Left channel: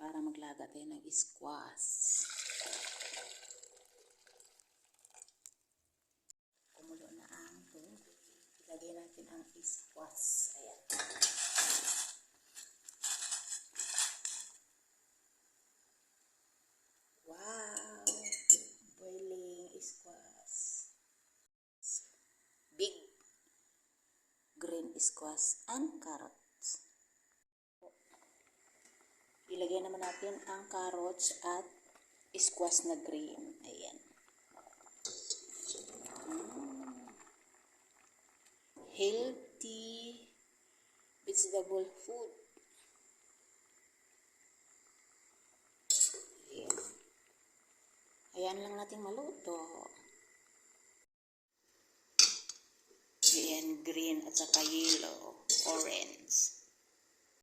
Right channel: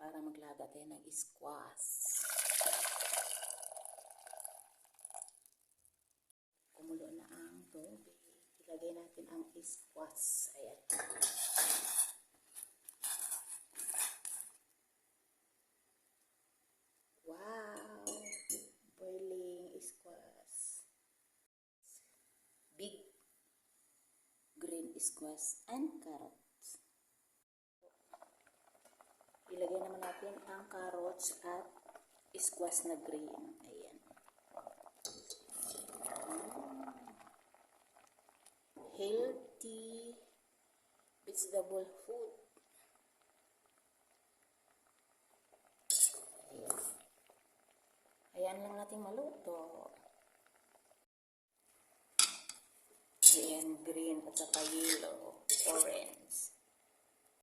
para maglaga tayo ng squash. Kumulo na ang tubig. Ilagay natin ang squash. Ayan. Wow! Boiling squash. Big green squash and carrots. Ilagay naman natin ang carrots at squash na green. Ayan. Healthy vegetable food. Ayan. Ayan lang natin maluto. Ayan, green at saka yellow, orange.